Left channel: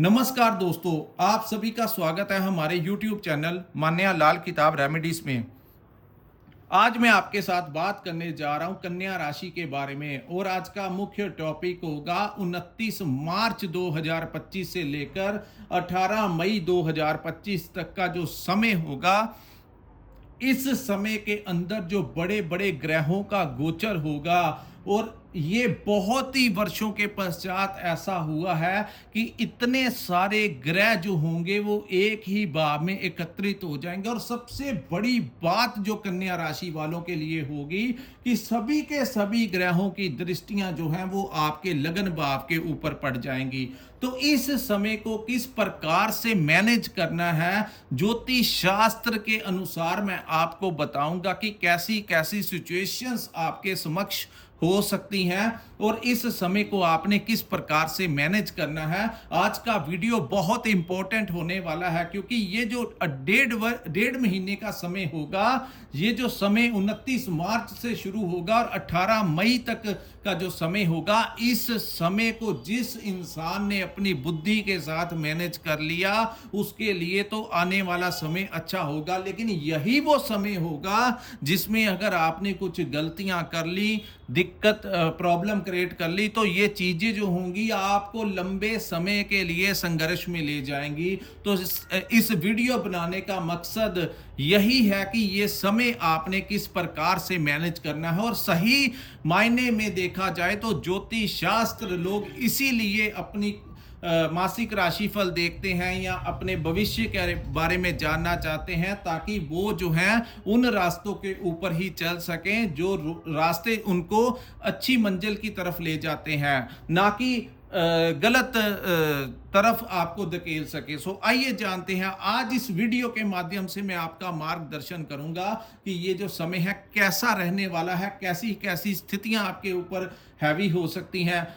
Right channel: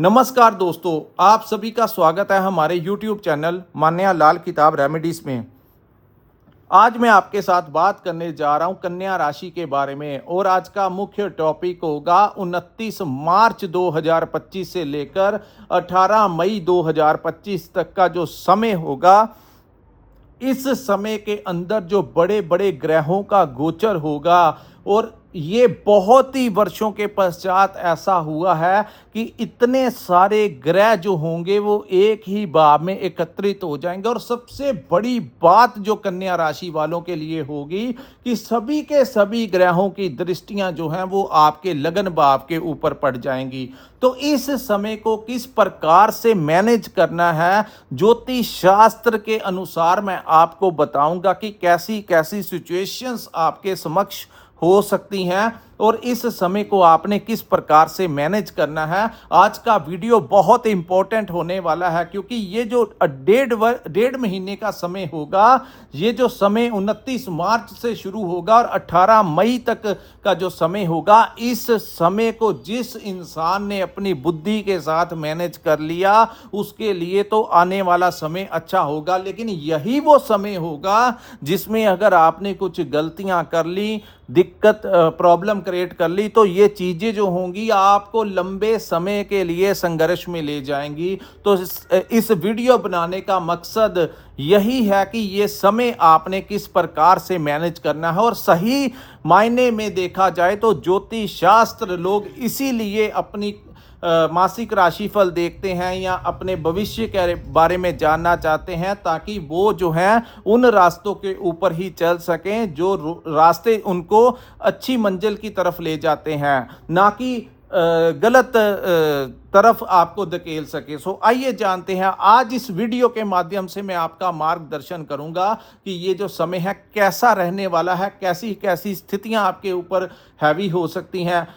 नमस्कार दोस्तों, आप सभी का स्वागत है हमारे YouTube चैनल मान्या लाल किताब रेमेडीज में। आज मैं आपके साथ बात करने जा रहा हूं कन्या राशि के बारे में और आज का मुख्य टॉपिक होगा 29 मार्च 2025 से लेकर 18 मई 2025 तक का जो समय होगा। इस समय के अंदर जो बड़े बड़े ग्रहों का गोचर होगा और ये बहुत ही वर्षों के पश्चात ऐसा हुआ है कि इतने सारे ग्रह जो होंगे वो एक ही भाव में एकत्रित हो जाएंगे। और सबसे बड़ी बात जो कन्या राशि वालों के लिए होगी कि सभी के सभी ग्रहों की दृष्टियां जो हैं वो आपके लगन भाव के ऊपर पड़ जाएंगी। तो इस समय को किस प्रकार से मैनेज करना है, ज्योतिष शास्त्र के अनुसार मैं आपको बताऊंगा कि कैसी कैसी सिचुएशंस आपके समक्ष हो सकती हैं और इस समय को आपने किस प्रकार से मैनेज करना है। आज का वीडियो बहुत इंपॉर्टेंट होने वाला है क्योंकि ये जो डेढ़ महीने का समय होगा, ये जो समय 29 मार्च से शुरू होगा और 18 मई तक का जो समय होगा, इस समय को जिस इंसान ने अपनी बुद्धि के साथ मैनेज कर लिया उसके लिए तो आने वाला समय अच्छा होगा। लेकिन यही वो समय होगा जिसमें अगर आपने कुछ गलतियां कर ली, दिक्कत प्रॉब्लम क्रिएट कर ली, तो ये चीजें जो होंगी आपको लंबे समय के लिए संघर्ष में ले जाएंगी। तो इस वीडियो बनाने का मकसद यही है कि ये समय आपने किस प्रकार से मैनेज करना है। और सही मायने में देखा जाए तो ज्योतिष शास्त्र लोग इसीलिए अपनी मासिक राशिफल देखते हैं या अपने भविष्य के बारे में जानना चाहते हैं ताकि वो जो है उन रास्तों के ऊपर ही चल सकें जो रास्ते उनको अच्छी मंजिल की तरफ ले जाते हैं, ना कि गलत तरफ आपको धकेल सके। सो आइए जानते हैं, आज इस वीडियो के माध्यम से मैं आपका मार्गदर्शन करूंगा कि ये जो समय है कैसा रहने वाला है, कैसी कैसी स्थितियां आपके ऊपर हैवी हो सकती हैं।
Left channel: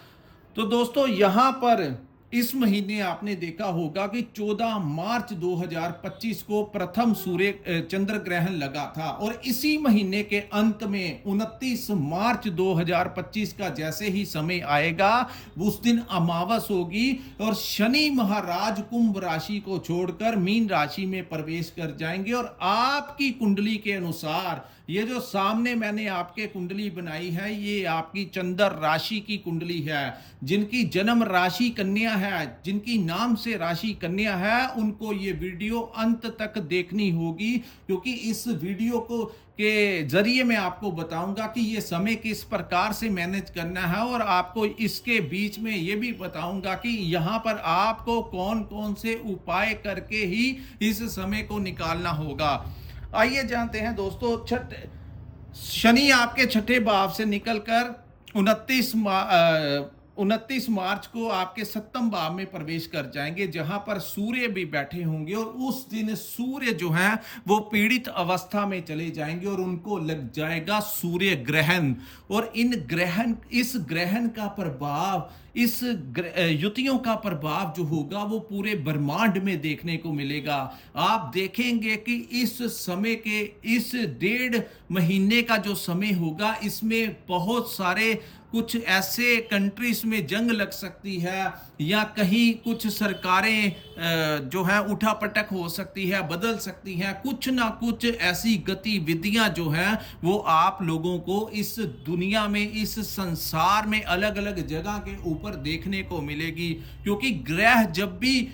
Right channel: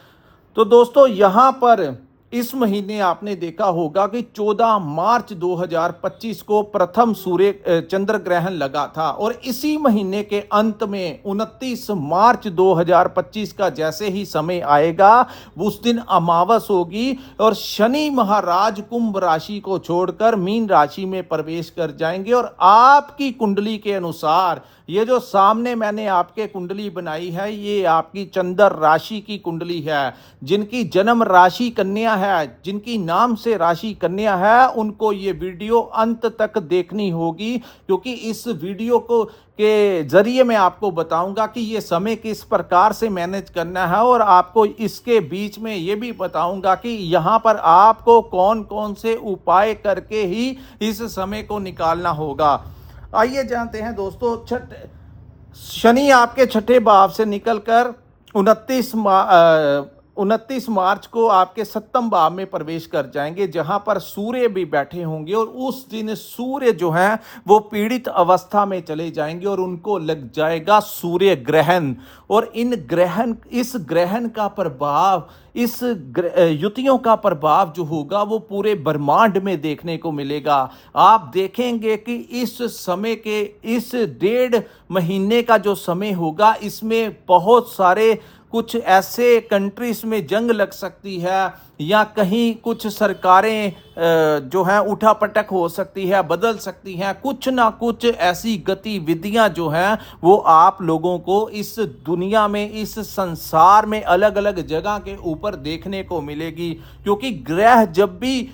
तो दोस्तों, यहां पर इस महीने आपने देखा होगा कि 14 मार्च 2025 को प्रथम सूर्य चंद्र ग्रहण लगा था और इसी महीने के अंत में 29 मार्च 2025 का जैसे ही समय आएगा उस दिन अमावस होगी और शनि महाराज कुंभ राशि को छोड़कर मीन राशि में प्रवेश कर जाएंगे। और आपकी कुंडली के अनुसार ये जो सामने मैंने आपके कुंडली बनाई है, ये आपकी चंद्र राशि की कुंडली है। जिनकी जन्म राशि कन्या है, जिनकी नाम से राशि कन्या है, उनको ये वीडियो अंत तक देखनी होगी क्योंकि इस वीडियो को के जरिए मैं आपको बताऊंगा कि ये समय किस प्रकार से मैनेज करना है और आपको इसके बीच में ये भी बताऊंगा कि यहां पर आपको कौन कौन से उपाय करके ही इस समय को निकालना होगा। आइए जानते हैं दोस्तों, शनि आपके छठे भाव से निकलकर 29 मार्च को आपके सप्तम भाव में प्रवेश कर जाएंगे जहां पर सूर्य भी बैठे होंगे और उस दिन सूर्य जो है वो पीड़ित अवस्था में चले जाएंगे और उनको लग जाएगा सूर्य ग्रहण। और इस ग्रहण का प्रभाव, इस युतियों का प्रभाव जो होगा वो पूरे ब्रह्मांड में देखने को मिलेगा। आप देखेंगे कि इस समय के इस डेढ़ महीने का जो समय होगा इसमें बहुत सारे कुछ ऐसे कंट्रीज में जंग लग सकती है या कहीं कुछ सरकारें जो हैं उठापटक हो सकती है, बदल सकती हैं। कुछ ना कुछ ऐसी गतिविधियां जो हैं वो आप लोगों को इस दुनिया में, इस संसार में अलग अलग जगह के ऊपर देखने को मिलेगी क्योंकि ग्रह जब भी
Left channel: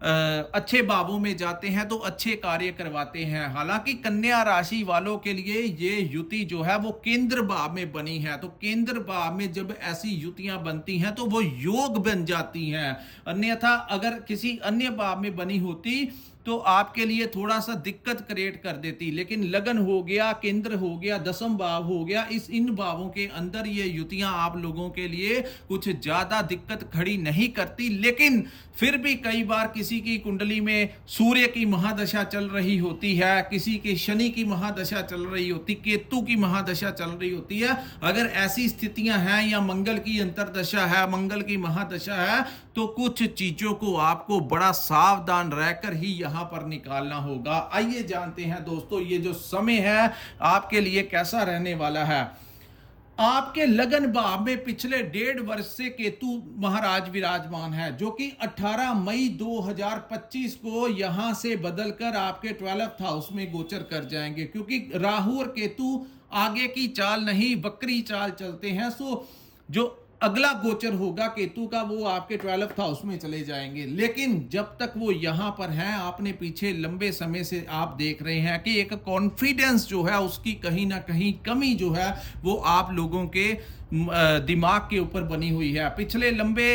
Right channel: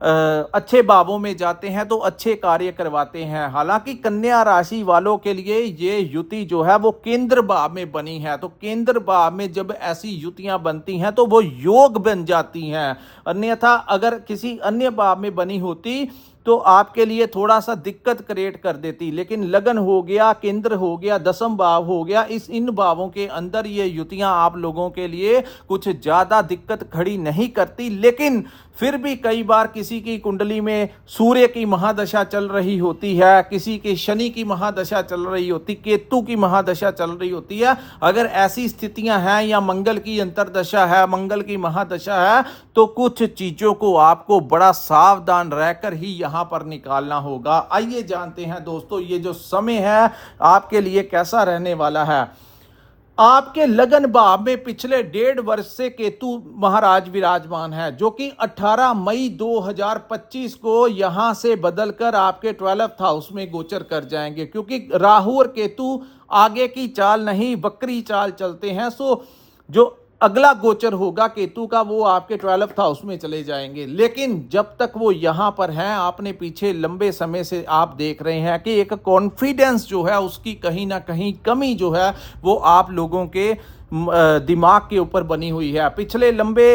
अच्छे भावों में जाते हैं तो अच्छे कार्य करवाते हैं। हालांकि कन्या राशि वालों के लिए ये युति जो है वो केंद्र भाव में बनी है, तो केंद्र भाव में जब ऐसी युतियां बनती हैं तो वो योग बन जाती हैं। अन्यथा अगर किसी अन्य भाव में बनी होती तो आपके लिए थोड़ा सा दिक्कत क्रिएट कर देती। लेकिन लगन हो गया, केंद्र हो गया, दसम भाव हो गया, इन भावों के अंदर ये युतियां आप लोगों के लिए कुछ ज्यादा दिक्कत खड़ी नहीं करती। लेकिन फिर भी कई बार किसी की कुंडली में सूर्य की महादशा चल रही होती है, किसी की शनि की महादशा चल रही होती, केतु की महादशा चल रही होती है। अगर ऐसी स्थितियां हैं या मंगल की अंतरदशा है, मंगल की महादशा है, तो कुछ चीजों को आपको बड़ा सावधान रहकर ही यहां पर निकालना होगा। आइए जानते हैं दोस्तों, ये जो समय है आपके लिए कैसा रहने वाला है। आपके लगन भाव में पिछले 1.5 वर्ष से केतु महाराज विराजमान है, जो कि 18 मई 2025 को यहां से बदलकर आपके 12th हाउस में गोचर कर जाएंगे, क्योंकि राहु और केतु आगे की चाल नहीं वक्री चाल चलते हैं। सो जो अगला गोचर होगा केतु का वो आपके 12th हाउस में चले जाएंगे। लेकिन जब तक वो यहां पर हैं, आपने पीछे लंबे समय से आप देख रहे हैं कि एक कॉन्फिडेंस जो है उसकी कहीं ना कहीं कमी जो है वो आप लोगों के दिमाग के ऊपर बनी हुई है। पिछले लंबे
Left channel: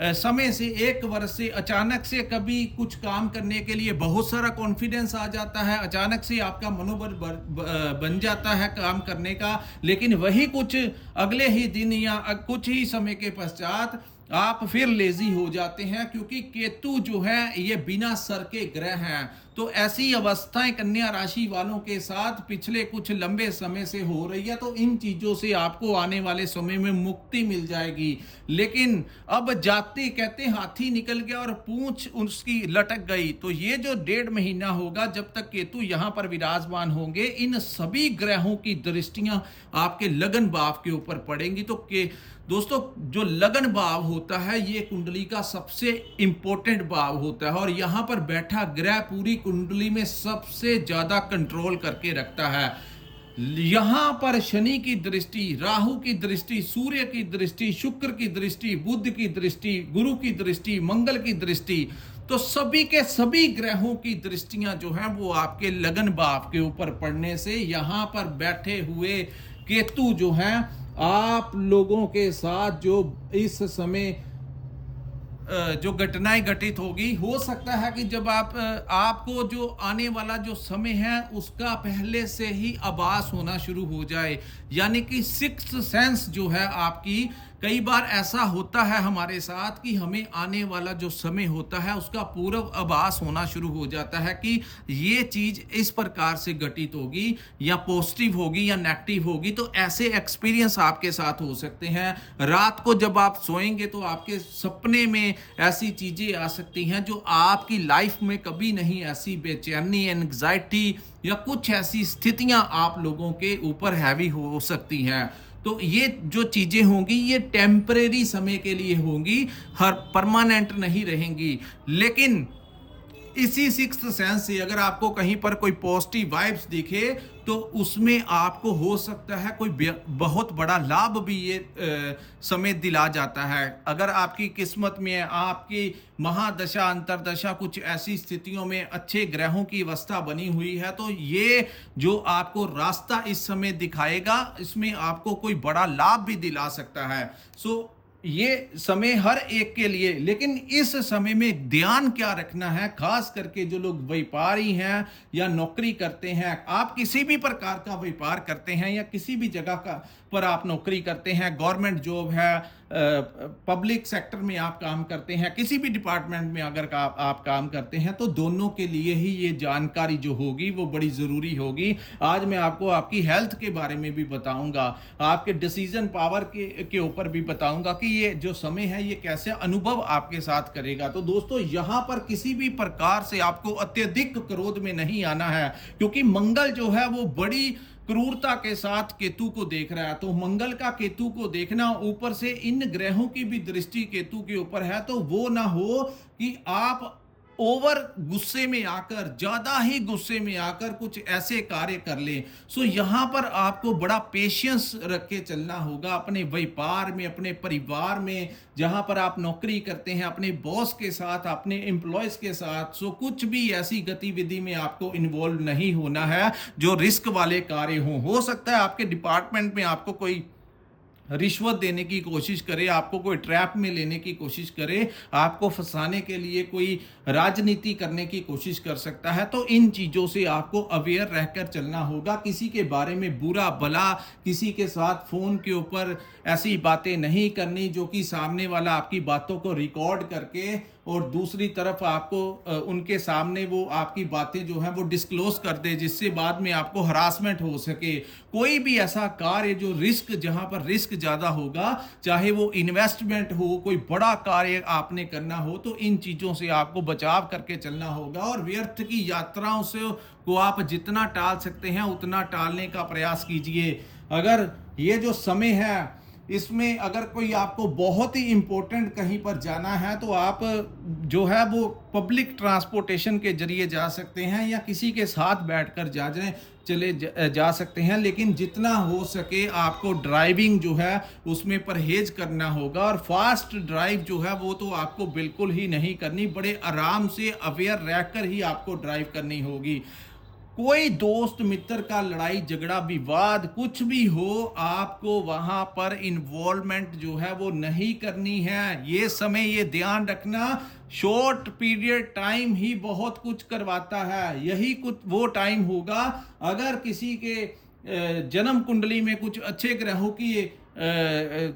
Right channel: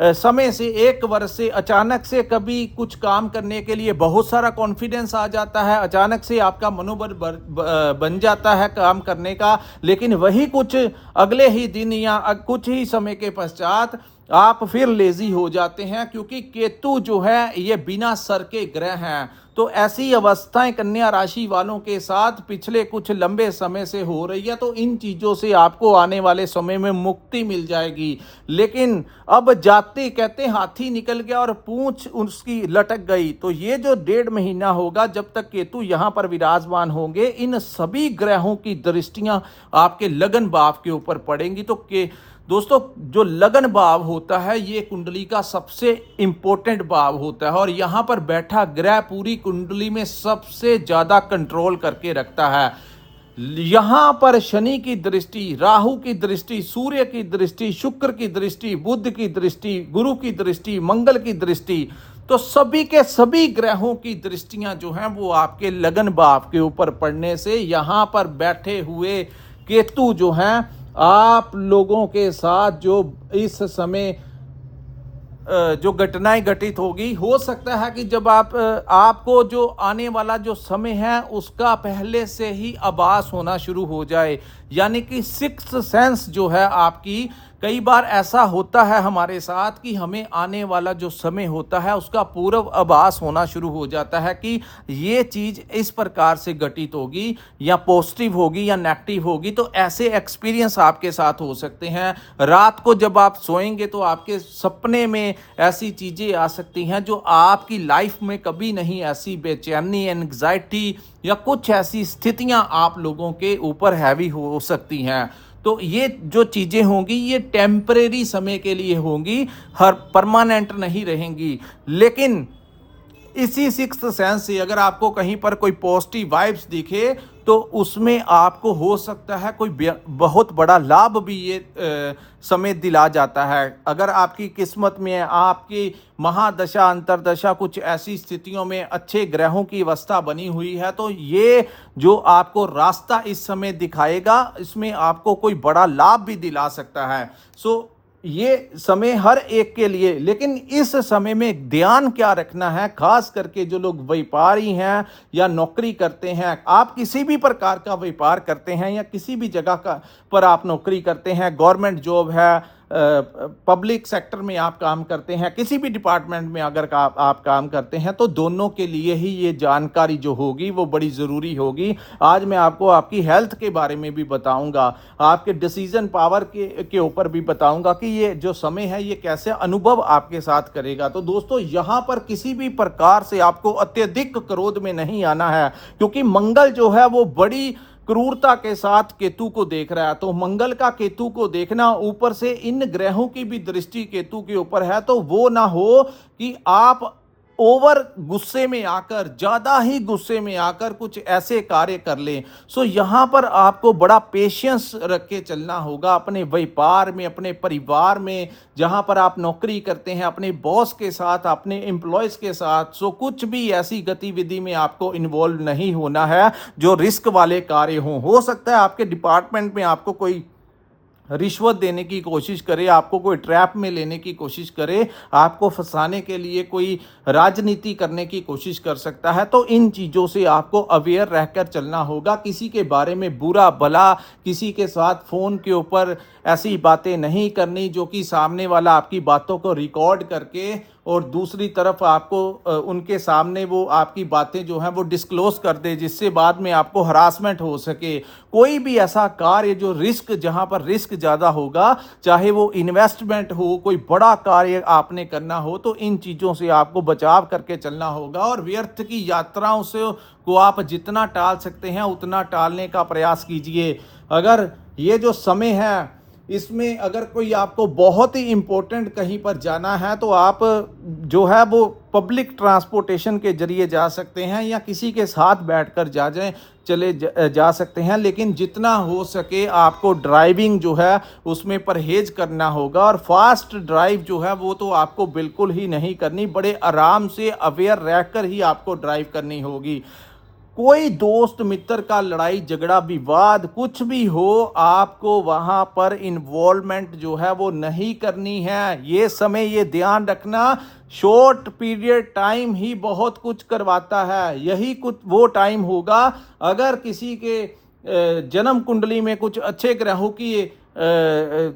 समय से 1 वर्ष से अचानक से कभी कुछ काम करने के लिए बहुत सारा कॉन्फिडेंस आ जाता है, अचानक से आपका मनोबल बन जाता है काम करने का, लेकिन वही कुछ अगले ही दिन या कुछ ही समय के पश्चात आप फिर लेजी हो जाते हैं, क्योंकि केतु जो है ये बिना सर के ग्रह हैं। तो ऐसी अवस्थाएं कन्या राशि वालों के साथ पिछले कुछ लंबे समय से हो रही है। तो इन चीजों से आपको आने वाले समय में मुक्ति मिल जाएगी। लेकिन अब जाते कहते हाथी निकल गया और पूंछ उसकी लटक गई। तो ये जो 1.5 महीना होगा जब तक केतु यहां पर विराजमान होंगे, इन सभी ग्रहों की दृष्टियां आपके लगन भाव के ऊपर पड़ेंगी। तो दोस्तों, जो लगन भाव होता है ये कुंडली का सबसे इंपॉर्टेंट भाव होता है, और यहां पर बैठा ग्रह पूरी कुंडली में सबसे ज्यादा कंट्रोल करके रखता है। यहां पर शनि की दृष्टि, राहु की दृष्टि, सूर्य की दृष्टि, शुक्र की दृष्टि, बुध की दृष्टि, गुरु की दृष्टि, मंगल की दृष्टि, तो सभी के सभी ग्रहों की दृष्टियां जो हैं वो आपके लगन भाव के ऊपर पड़ने से यहां पर बैठे हुए केतु जो हैं आप लोगों के साथ जो इस समय जो घटनाएं घटित होगी, हो सकता है कि जब आपको जो आने वाला जो समय है उसका पहले से ही आभास होना शुरू हो जाए, यानी कि सिक्स्थ सेंस जो है आपकी, कई बार ऐसा होता है हमारे साथ कि हमें आने वाला जो समय होता है उसका पूर्व आभास होना शुरू हो जाता है कि ये चीज इस प्रकार से घटित होगी या पॉजिटिव होगी या नेगेटिव होगी। तो ऐसे एक्सपीरियंस आपके साथ हो सकते हैं। रात को जब आप सोएंगे तो आपके सपने में ऐसी चीजें आ सकती हैं जो आपकी लाइफ में कभी नहीं ऐसी बेचैनी, एंग्जाइटी या कुछ ऐसी स्थितियां आप लोगों के ऊपर हैवी हो सकती हैं। तो ये जो चीजें होंगी ये टेम्परेरी समय के लिए होंगी, हर परमानेंट नहीं रहेंगी। लेकिन इसी सिक्स्थ सेंस से अगर आपको कहीं पर कोई पॉजिटिव वाइब्स दिखे तो उसमें आपको हो सकता है कोई बहुत बड़ा लाभ भी ये समय दिला जाता है। अगर आपकी किस्मत में आपकी महादशा अंतरदशा कुछ ऐसी स्थितियों में अच्छे ग्रहों की अवस्था बनी हुई है तो ये जो आपको रास्ता इस समय दिखाएगा इसमें आपको कोई बड़ा लाभ भी दिला सकता है। सो ये समय हर एक के लिए, लेकिन इस समय में ध्यान क्या रखना है, खास करके जो लोग व्यापारी हैं या नौकरी करते हैं, आप किसी भी प्रकार का व्यापार करते हैं या किसी भी जगह का पर आप नौकरी करते हैं, गवर्नमेंट जॉब है, पब्लिक सेक्टर में आप काम करते हैं, किसी भी डिपार्टमेंट में अगर आप काम करते हैं, तो दोनों के लिए ही ये जानकारी जो होगी वो बड़ी ज़रूरी होगी। आज मैं आपको आपकी हेल्थ के बारे में भी बताऊंगा, आपके डिसीजन पावर के ऊपर भी बताऊंगा कि ये जो समय है ये कैसे अनुभव आपके साथ करेगा। तो दोस्तों, यहाँ पर किसी भी प्रकार से आपको अत्यधिक क्रोध में नहीं आना है, क्योंकि मंगल जो है वो बड़ी क्रूरता के साथ केतु को देख रहा है। तो मंगल का केतु को देखना, ऊपर से इन ग्रहों की भी दृष्टि केतु के ऊपर है, तो वो ना हो कि आप ओवर गुस्से में आकर, ज्यादा ही गुस्से में आकर कुछ ऐसे कार्य कर लें। सो यहां पर आपको बड़ा पेशेंस रख के चलना होगा अपने व्यापार में, अपने परिवार में, जहां पर आप नौकरी करते हैं, अपने बॉस के साथ, अपने एम्प्लॉयज के साथ। सो कुछ भी ऐसी गतिविधि में आपको इन्वॉल्व नहीं होना है जो रिस्क वाले कार्य हों। हो सकता है आपके डिपार्टमेंट में आपको कोई रिश्वत देने की कोशिश करे, आपको कोई ट्रैप में लेने की कोशिश करे, आपको फंसाने के लिए कोई राजनीति करने की कोशिश कर सकता है। तो इन चीज़ों से आपको अवेयर रहकर चलना होगा। किसी के बारे में बुरा भला, किसी के साथ फ़ोन के ऊपर ऐसी बातें नहीं करनी जो कि सामने वाला आपकी बातों को रिकॉर्ड करके और दूसरी तरफ आपको उनके सामने वो आपकी बातें जो हैं वो डिस्क्लोज कर दे, जिससे बाद में आपको हरासमेंट हो सके। कोई भी ऐसा कार्य जो रिस्क, जहां पर रिस्क ज़्यादा होगा, चाहे वो इन्वेस्टमेंट हो, कोई बड़ा कार्य आपने करना हो, तो इन चीज़ों से आपको बचाव करके चलना होगा। और व्यर्थ की यात्राओं से को आप जितना टाल सकते हैं उतना टालने का प्रयास कीजिए। अगर ये जो समय है इसमें अगर कोई आपको बहुत ही इम्पोर्टेंट कहीं पर जाना है तो आप जो है वो पब्लिक ट्रांसपोर्टेशन के जरिए जा सकते हैं या किसी के साथ बैठकर जा सकते हैं, लेकिन जितना हो सके आपको ड्राइविंग जो है उसमें परहेज करना होगा। और फास्ट ड्राइव जो है वो तो आपको बिल्कुल ही नहीं करनी, बड़े आराम से अवेयर रहकर ही आपको ड्राइव करनी होगी। कोई दोस्त मित्र का लड़ाई झगड़ा विवाद कुछ भी हो, आपको वहां पर इन्वॉल्वमेंट जो है वो नहीं करनी है। ये समय ये ध्यान रखना, शॉर्ट पीरियड टाइम ही बहुत कुछ करवाता है। यही कुछ वो टाइम होगा अगर किसी के जन्म कुंडली में कुछ अच्छे ग्रहों की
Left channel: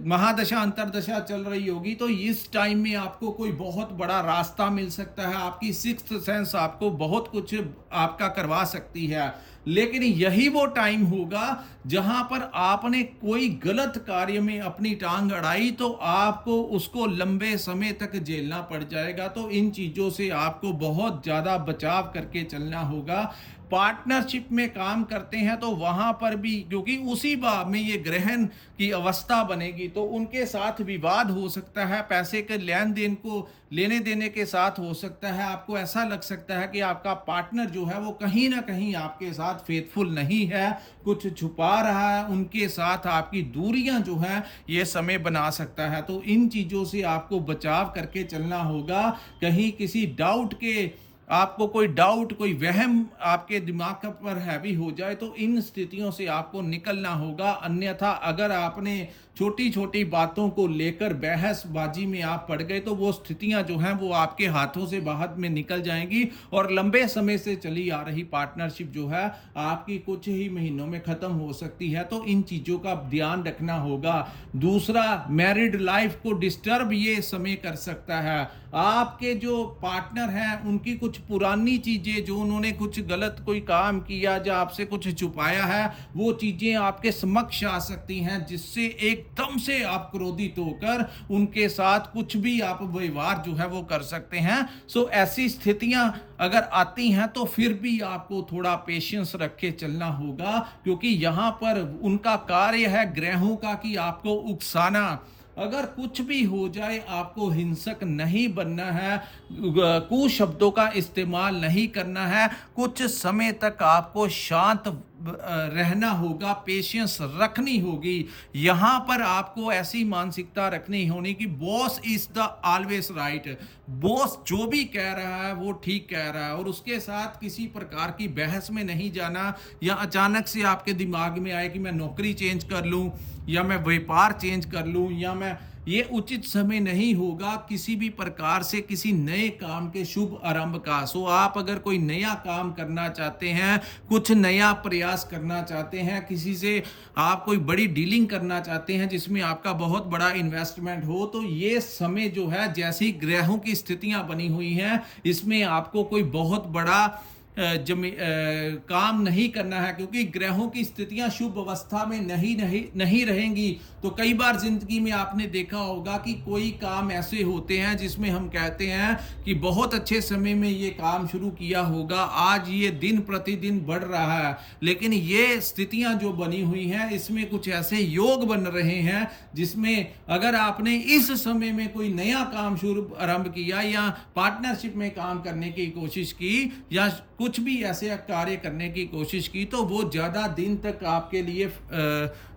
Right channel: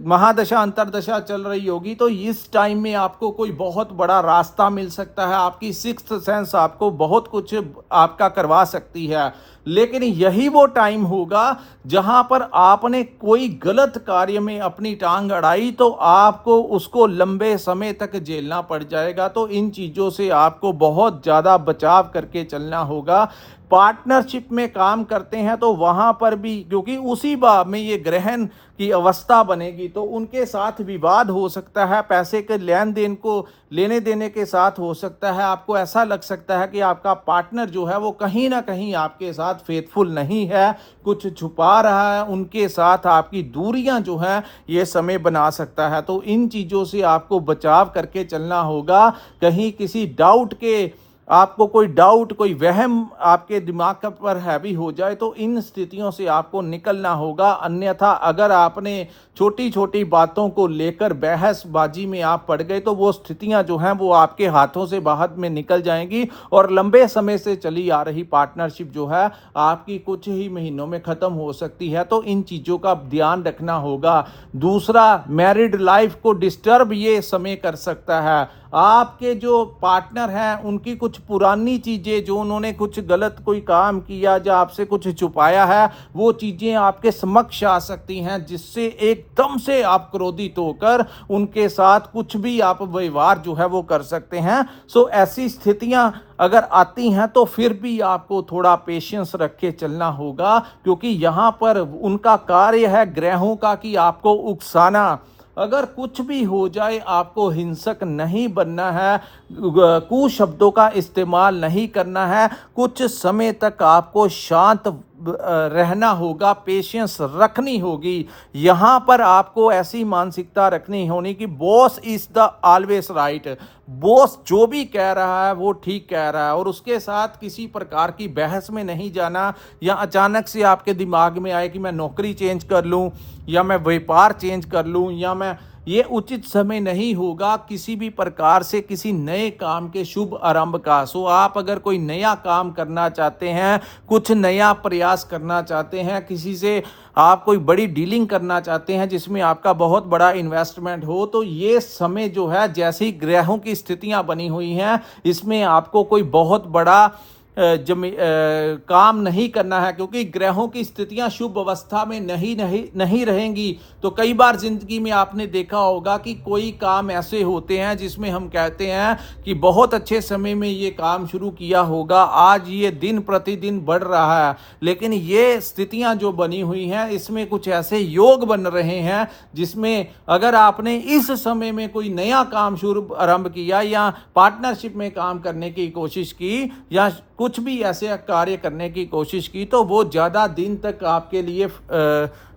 महादशा अंतरदशा चल रही होगी तो इस टाइम में आपको कोई बहुत बड़ा रास्ता मिल सकता है। आपकी सिक्स्थ सेंस आपको बहुत कुछ आपका करवा सकती है, लेकिन यही वो टाइम होगा जहां पर आपने कोई गलत कार्य में अपनी टांग अड़ाई तो आपको उसको लंबे समय तक झेलना पड़ जाएगा। तो इन चीजों से आपको बहुत ज्यादा बचाव करके चलना होगा। पार्टनरशिप में काम करते हैं तो वहां पर भी, क्योंकि उसी भाव में ये ग्रहण की अवस्था बनेगी, तो उनके साथ विवाद हो सकता है, पैसे के लेन देन को लेने देने के साथ हो सकता है। आपको ऐसा लग सकता है कि आपका पार्टनर जो है वो कहीं ना कहीं आपके साथ फेथफुल नहीं है, कुछ छुपा रहा है, उनके साथ आपकी दूरियां जो है ये समय बना सकता है। तो इन चीजों से आपको बचाव करके चलना होगा। कहीं किसी डाउट के आपको कोई डाउट, कोई वहम आपके दिमाग पर हैवी हो जाए तो इन स्थितियों से आपको निकलना होगा। अन्यथा अगर आपने छोटी छोटी बातों को लेकर बहसबाजी में आप पड़ गए तो वो स्थितियां जो हैं वो आपके हाथों से बाहर में निकल जाएंगी और लंबे समय से चली आ रही पार्टनरशिप जो है आपकी कुछ ही महीनों में खत्म हो सकती है। तो इन चीजों का ध्यान रखना होगा। दूसरा, मैरिड लाइफ को डिस्टर्ब ये समय कर सकता है। आपके जो पार्टनर हैं उनकी कुछ पुरानी चीजें, जो उन्होंने कुछ गलत कोई काम किया या आपसे कुछ छुपाया है, वो चीजें आपके समक्ष आ सकती हैं, जिससे एकदम से आप क्रोधित होकर उनके साथ कुछ भी आप व्यवहार जो है वो कर सकते हैं। सो ऐसी स्थितियां अगर आती हैं तो फिर भी आपको थोड़ा पेशेंस रख के चलना होगा, क्योंकि यहां पर उनका कार्य है ग्रहों का कि आपको उकसाना। अगर कुछ भी हो जाए आपको हिंसक नहीं बनना है, कुशब्दों का इस्तेमाल नहीं करना है, कुछ समय तक आपको शांत रहना होगा, पेशेंस रखनी होगी। यहां पर आपको ऐसी मानसिकता रखनी होनी कि boss is the always right, boss जो भी कह रहा है वो ठीक कह रहा है, और उसके साथ किसी प्रकार की बहस में नहीं जाना, या अचानक से आपके दिमाग में आए कि मैं नौकरी चेंज कर लूं या मैं व्यापार चेंज कर लूं या मैं, ये उचित समय नहीं होगा किसी भी प्रकार से किसी नए काम के शुभ आरंभ का। सो आप अगर कोई नया काम करना चाहते हैं, कुछ नया प्रयास करना चाहते हैं, किसी से आप कोई बड़ी डीलिंग करना चाहते हैं जिसमें आपका बहुत बड़ा इन्वेस्टमेंट हो, तो ये समय जो है, जैसी ग्रहों की स्थितियां बनी हुई हैं, इसमें आपको कोई बहुत बड़ा काम नहीं करना है, क्योंकि ग्रहों की स्थितियां शुभ अवस्था में नहीं रहेंगी। तो कई बार जिंदगी में आपने देखा होगा कि कोई काम ऐसे होते हैं जिसमें हम कहते हैं कि बहुत अच्छे समय में ये काम शुरू किया होगा, आज ये दिन प्रतिदिन बढ़ रहा है, लेकिन ये स्थितियां जो बनी हुई हैं इसमें कुछ ऐसे योग बन रहे हैं जिसमें अगर आपने इस समय में कोई नया काम शुरू आरंभ किया या पार्टनरशिप में काम करने की कोशिश की या कुछ भी ऐसे कार्य करने की कोशिश की, तो वो ज्यादा दिन तक आपके लिए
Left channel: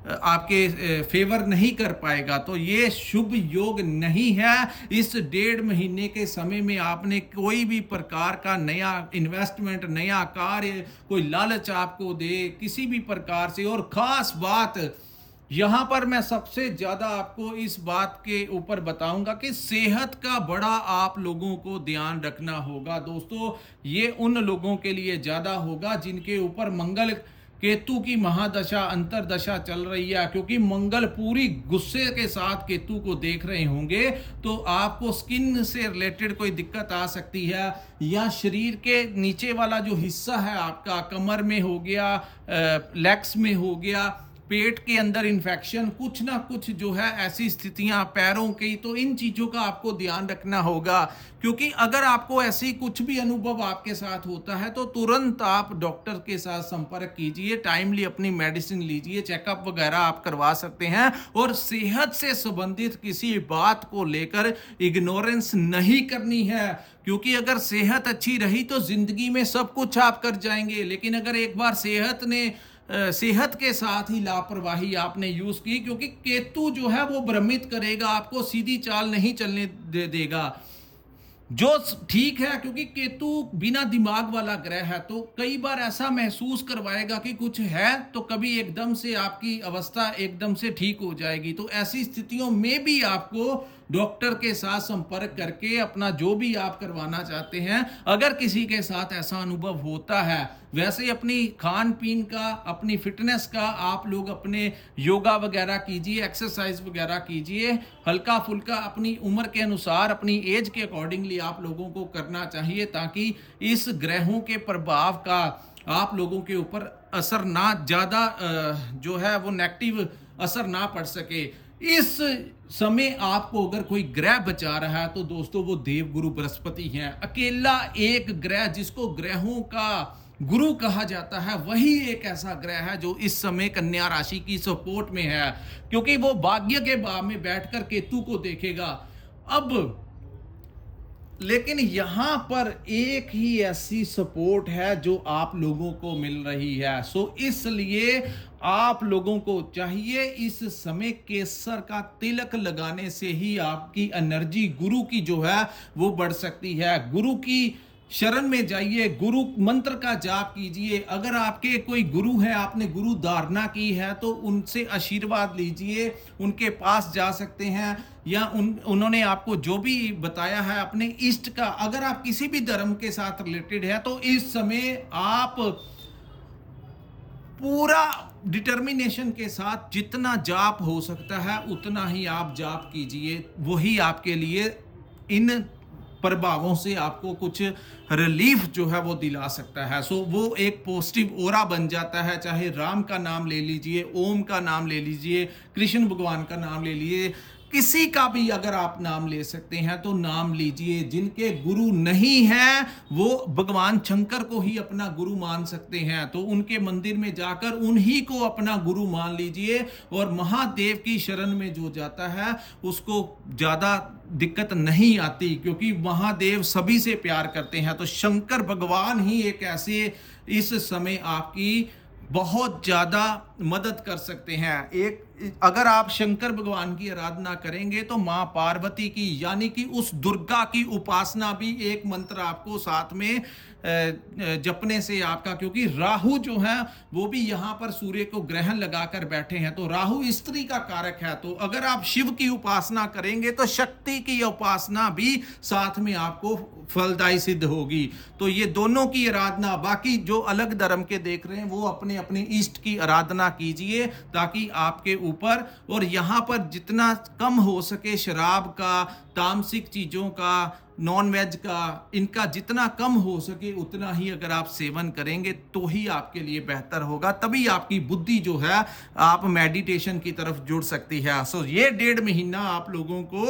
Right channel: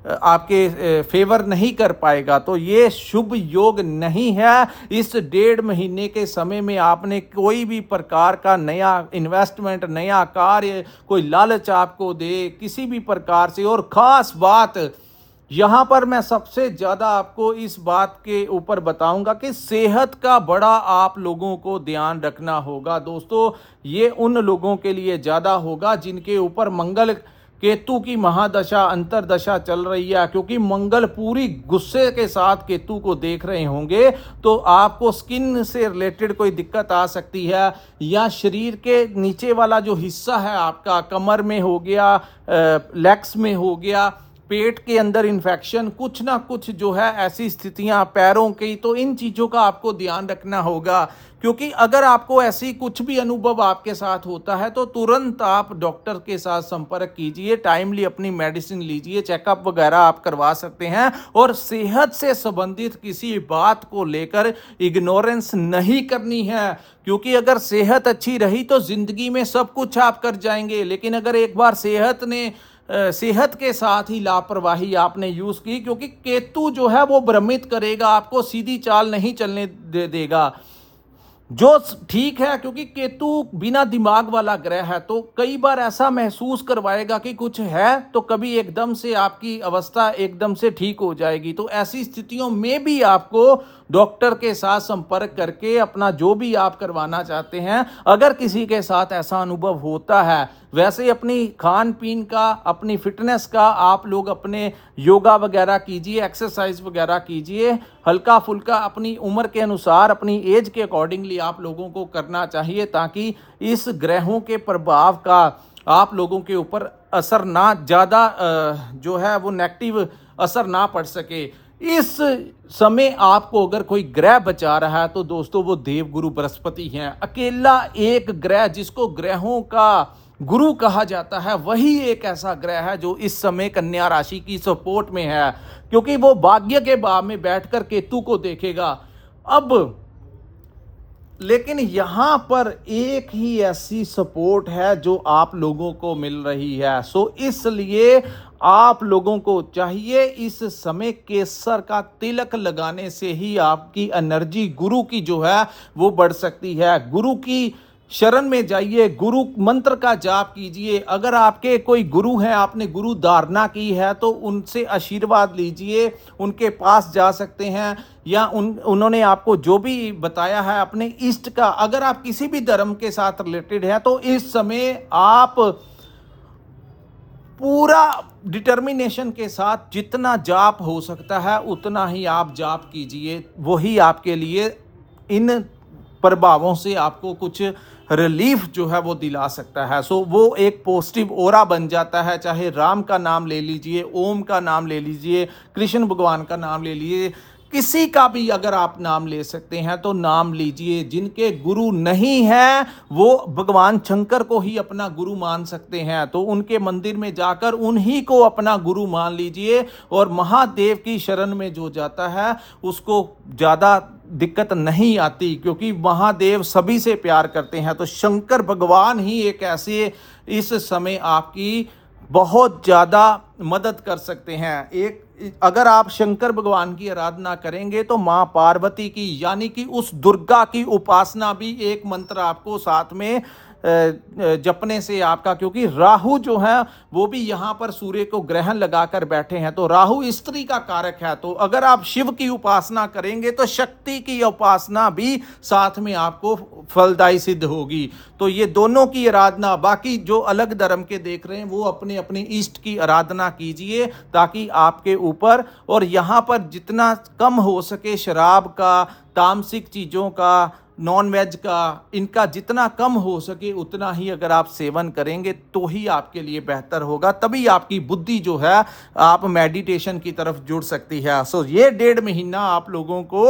आपके फेवर नहीं कर पाएगा। तो ये शुभ योग नहीं है। इस 1.5 महीने के समय में आपने कोई भी प्रकार का नया इन्वेस्टमेंट, नया कार्य, कोई लालच आपको दे किसी भी प्रकार से। और खास बात यहां पर मैं सबसे ज्यादा आपको इस बात के ऊपर बताऊंगा कि सेहत का बड़ा आप लोगों को ध्यान रखना होगा। दोस्तों, ये उन लोगों के लिए ज्यादा होगा जिनके ऊपर मंगल केतु की महादशा अंतरदशा चल रही है, क्योंकि मंगल पूरी गुस्से के साथ केतु को देख रहे होंगे, तो आपको स्किन से रिलेटेड कोई दिक्कत आ सकती है, या शरीर के नीचे वाला जो हिस्सा है आपका, कमर में हो गया, लेग्स में हो गया, पेट के अंदर इन्फेक्शन, कुछ ना कुछ जो है ऐसी स्थितियां पैरों की, तो इन चीज़ों का आपको ध्यान रखना होगा। क्योंकि अगर आपको ऐसी कुछ भी अनुभव आपके साथ होता है तो तुरंत आप डॉक्टर के साथ संपर्क कीजिए, टाइमली अपनी मेडिसिन लीजिए, चेकअप वगैरह आप करवा सकते हैं। और सेहत से संबंधित किसी बात को लेकर इग्नोरेंस नहीं करनी है, क्योंकि अगर सेहत अच्छी रही तो जिंदगी में सब कुछ आप कर जाएंगे। लेकिन अगर एक बार सेहत के साथ ही लापरवाही आपने यूज की, क्योंकि केतु जो है वो भ्रमित करेगा, आपको सीधी चाल नहीं चलने देगा, जो ठीक है, क्योंकि केतु बिना दिमाग वाला ग्रह है। तो कई बार ऐसा महसूस करवाएगा कि कुछ है, तो कभी एकदम से आपकी अवस्था एकदम से ठीक हो जाएगी। तो ऐसी स्थितियों में भी आपको डॉक्टर के साथ संपर्क करके अपना जो भी आप करवाना चाहते हैं, अगर किसी के साथ ऐसा अनुभव होता है, वैसे अपनी खान पीन का, अपनी फिटनेस का आप लोग अपने योगा वगैरह कीजिए, एक्सरसाइज वगैरह कीजिए, हल्का फुल्का अपनी उम्र के अनुसार, अपनी एज के अकॉर्डिंगली आप लोगों को करना चाहिए, ताकि इस ग्रहों के प्रभाव का आप लोगों के ऊपर असर ना, ज़्यादा जो है वो नेगेटिव असर ना पड़ सके। इस समय आपको अगर कोई ग्रह बचा रहा है तो दोस्तों वो देवगुरु बृहस्पति हैं। अकेला एक ग्रह जिसको ग्रहों का गुरु कहा जाता है, वही एक ऐसा ग्रह है जो इस समय कन्या राशि की सपोर्ट में है, क्योंकि वो भाग्य के भाव में बैठकर केतु को देखेगा। अब लेकिन यहां पर एक ही ऐसी सपोर्ट है जो आप लोगों को मिल रही है। सो इसलिए आप लोगों को चाहिए इस समय केसर का तिलक लगाने से ही आपकी एनर्जी गुरु की जो है वो बढ़ सकती है। गुरु की शरण में जाइए, गुरु मंत्र का जाप कीजिए। अगर आपके कोई गुरु हैं, आपने गुरु धारणा की है, तो उनसे आशीर्वाद लीजिए, उनके पास जा सकते हैं, या उन्होंने आपको जो भी बताया है अपने इष्ट का, अगर आप किसी भी धर्म के साथ रिलेटेड है तो इस समय आप पूरा डिटर्मिनेशन के साथ जितना जाप हो सकता है उतना ही आप जाप कीजिए। वही आपके लिए इन प्रभावों से आपको कुछ रिलीफ जो है वो दिला सकता है। सो वो एक पॉजिटिव ओरा बन जाता है। चाहे राम का नाम ले लीजिए, ओम का नाम ले लीजिए, कृष्ण भगवान का नाम ले लीजिए, किसी का भी अगर आप नाम ले सकते हैं तो नाम लीजिए। जिनके गुरु नहीं है वो भगवान शंकर को ही अपना गुरु मान सकते हैं, तो उनके मंदिर में जाकर उन्हीं को अपना गुरु मान लीजिए। और महादेव की शरण में जो जाता है उसको ज्यादा दिक्कत नहीं आती, क्योंकि महादेव सभी से प्यार करते हैं। तो शंकर भगवान ही एक ऐसे इस समय आपकी बहुत ज्यादा मदद कर सकते हैं। एक अगर आप शंकर भगवान की आराधना करेंगे तो मां पार्वती की, यानी कि उस दुर्गा की उपासना भी एक मंत्र आपको साथ में जपने से आपका, क्योंकि राहु जो है वो भी यहां पर सूर्य को ग्रहण लगाकर बैठे हैं, तो राहु स्त्री का कारक है। तो अगर आप शिव की उपासना करेंगे तो शक्ति की उपासना भी साथ में आपको फलदायी सिद्ध होगी। तो ये दोनों की आराधना, बाकी जो अलग धर्म के देख रहे हैं वो अपने अपने इष्ट की आराधना कीजिए, ताकि आपके ऊपर, और यहां पर जितना कम हो सके शराब का, तामसिक चीजों का, नॉन वेज का, इनका जितना कम हो सके उतना ही अगर आप सेवन करेंगे तो ही आपके लिए बेहतर होगा। तभी आपकी बुद्धि जो है आप मेडिटेशन की तरफ जुड़ सकती है। सो ये 1.5 महीना आप लोगों को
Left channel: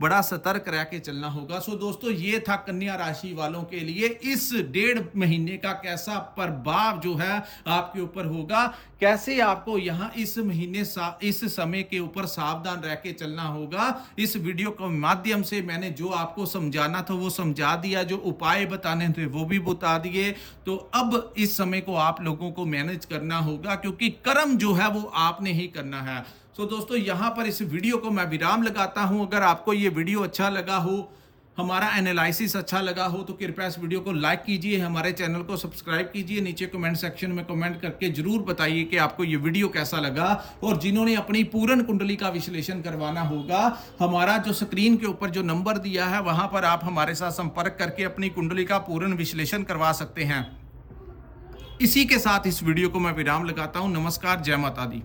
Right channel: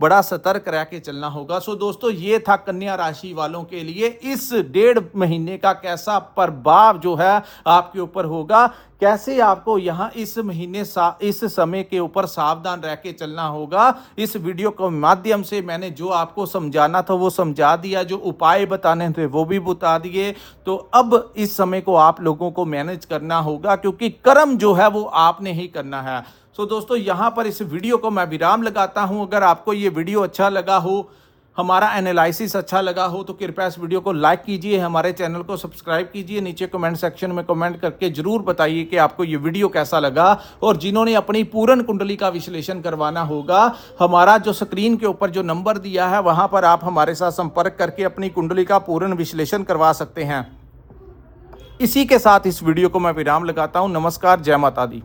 बड़ा सतर्क रह के चलना होगा। सो दोस्तों ये था कन्या राशि वालों के लिए इस 1.5 महीने का कैसा प्रभाव जो है आपके ऊपर होगा, कैसे आपको यहां इस महीने इस समय के ऊपर सावधान रह के चलना होगा। इस वीडियो के माध्यम से मैंने जो आपको समझाना था वो समझा दिया, जो उपाय बताने थे वो भी बता दिए। तो अब इस समय को आप लोगों को मैनेज करना होगा, क्योंकि कर्म जो है वो आपने ही करना है। सो दोस्तों यहां पर इस वीडियो को मैं विराम लगाता हूं। अगर आपको ये वीडियो अच्छा लगा हो, हमारा एनालिसिस अच्छा लगा हो, तो कृपया इस वीडियो को लाइक कीजिए, हमारे चैनल को सब्सक्राइब कीजिए। नीचे कमेंट सेक्शन में कमेंट करके जरूर बताइए कि आपको ये वीडियो कैसा लगा। और जिन्होंने अपनी पूर्ण कुंडली का विश्लेषण करवाना होगा, हमारा जो स्क्रीन के ऊपर जो नंबर दिया है वहां पर आप हमारे साथ संपर्क करके अपनी कुंडली का पूर्ण विश्लेषण करवा सकते हैं। इसी के साथ इस वीडियो को मैं विराम लगाता हूं। नमस्कार, जय माता दी।